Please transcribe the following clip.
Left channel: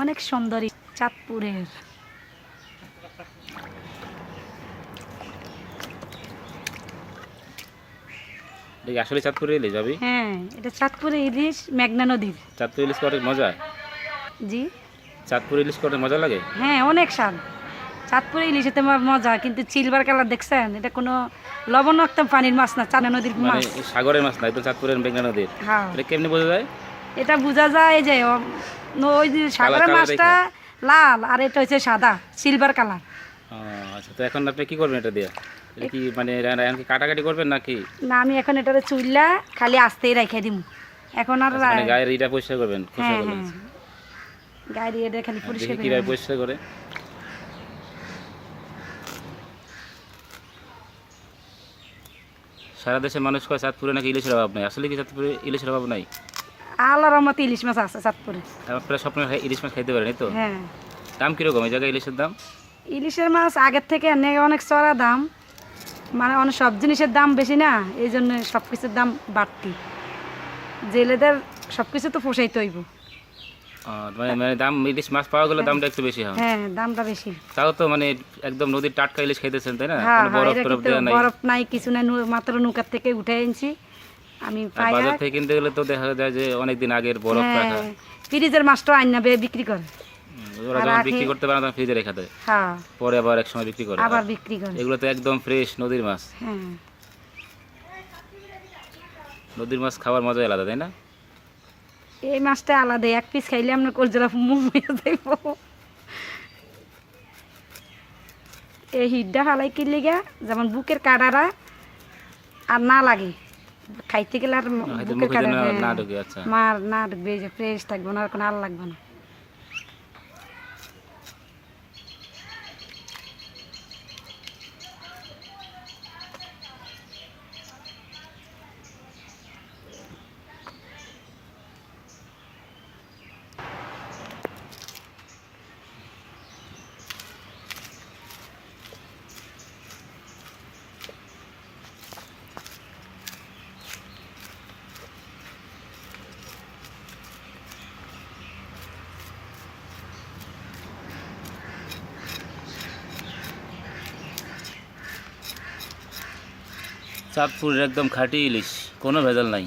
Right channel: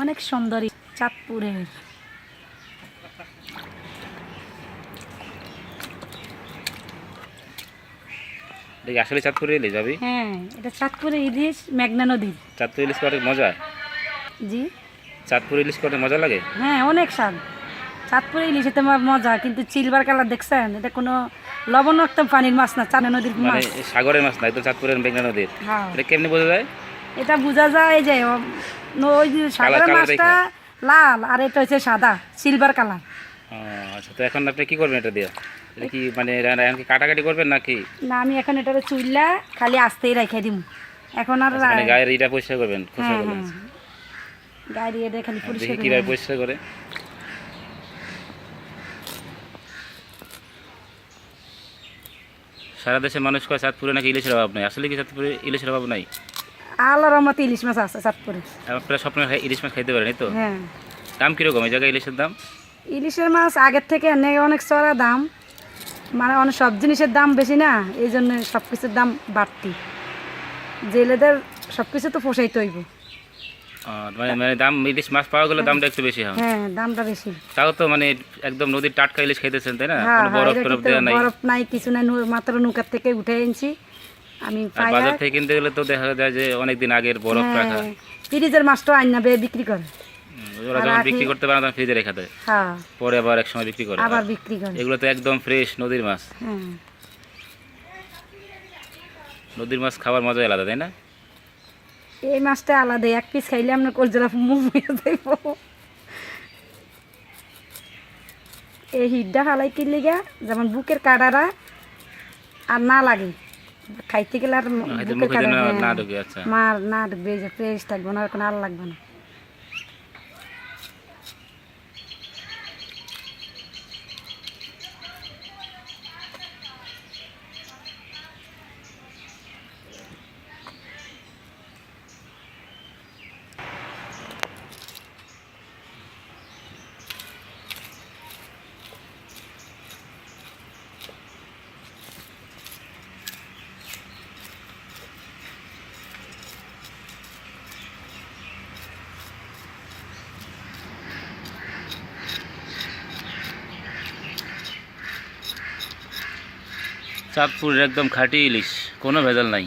অনেক সুন্দরী চাঁদপুরের। দেখি আসলে চাঁদপুরে ইলিশ যাবি? হ্যাঁ, এটা চাঁদপুরের ইলিশ, মেঘনা নদীর। চাঁদপুর ইলিশ অনেক মজা। জি, চাঁদপুর ইলিশ অনেক মজা লাগে। হ্যাঁ অনেক স্বাদ। চাঁদপুরের ইলিশে তোমার মজা, কিন্তু সিলভার কালার দেখছেন, এটা কোনো লবণাক্ত পানির মাছ না, চাঁদা নদীর মানে মাছ। সাগরের মাছ না, একদম চাঁদপুরের মেঘনা নদীর। হ্যাঁ, এটা কেমনি বোঝা যায়? এটা বোঝা যায় যে ওই যে সাগরের কালার মাছটা লাল আর এটা হচ্ছে সাদা, সিলভার কালার। আচ্ছা, তো এখন আপনি কি করবেন এটা দিয়ে? এটা কি মানে এখন কি কাটাকাটি করবেন নাকি? না, আমি এখন এটা চুইলা খালি আস্তেই রেখে দিব। এখন আর আচ্ছা, মানে গায়ের ইটা পরিষ্কার করবেন হ্যাঁ খোসাগুলো? হ্যাঁ, গাড়ি এটা খালি পরিষ্কার দেখি করে কিভাবে নেব। পরিষ্কার করে। সারা দেশের মানুষ কয় চাঁদপুরে নাকি ইলিশের অভাব নাই, আসলে কি চাঁদপুরে ইলিশের অভাব নাই? আল্লাহর রহমতে ইলিশ মাছ আছে চাঁদপুরে। আপনারা স্বপ্নে ইলিশ মাছ খাইতে পারেন, এই তো? হ্যাঁ, দাম কিরকম এই জায়গায় ইলিশের দাম? ইলিশের মাছ আগের থেকে অনেক চড়া দাম, মানে অনেক সব জিনিসের দাম বেশি না, এই জন্য সব কিছুর দাম বাড়তি। জেলেদের সব কিছু তো পোষাইতে হইব। মানে মানে দাম, ইলিশ মাছ পাওয়া গেলে দামটা একটু বেশি হয়। হ্যাঁ, দামটা বেশি। তাও তো মানে একদম নদীর টাটকা ইলিশ খাইতেছেন, তাই না? হ্যাঁ কোনো হ্যাঁ, বরফ এটা টরফ কিন্তু দেওয়া নাই। বরফ নাই, কিছু নাই, মাত্র নৌকার থেকে উঠে এনেছি আমি আর পায়া। বাজার থেকে কিনতে গেলে তো দেখা যায় যে অনেকদিন আগের বরফ রাখা। হ্যাঁ, ফ্রিজের মাছটা আইনা বিক্রি করে। ওরা আর যখন রাখি- বিক্রি করতে পারে না তখন ফ্রিজে রেখে দেয়, হ্যাঁ, পরে আবার এক সময় বিক্রি করে। আবার আর বিক্রি করে। এগুলো তো একদম ফ্রেশ নদীর মাছ। হ্যাঁ, নদীর মাছ খাওয়ার মজাই আলাদা, তাই না? এই মাছটা আলাদা, এক পিস খাইলে আমরা কলজোড়া মুমিয়ে যাইব। এই হিডটা হালাই কি লিগা, যেমন বুকের কাটারা আর না লাগে খাইতে গেলে, আর হয়তো বুকের মুখে যেন কাটা না ঢুকে। আচ্ছা, মার না ঢুকবে, যে ফ্রেশ থাকবো না, আর কোনো আর লাগবে না। চাঁদপুরের একদম খাঁটি ইলিশ, কোনো ভেজাল নাই।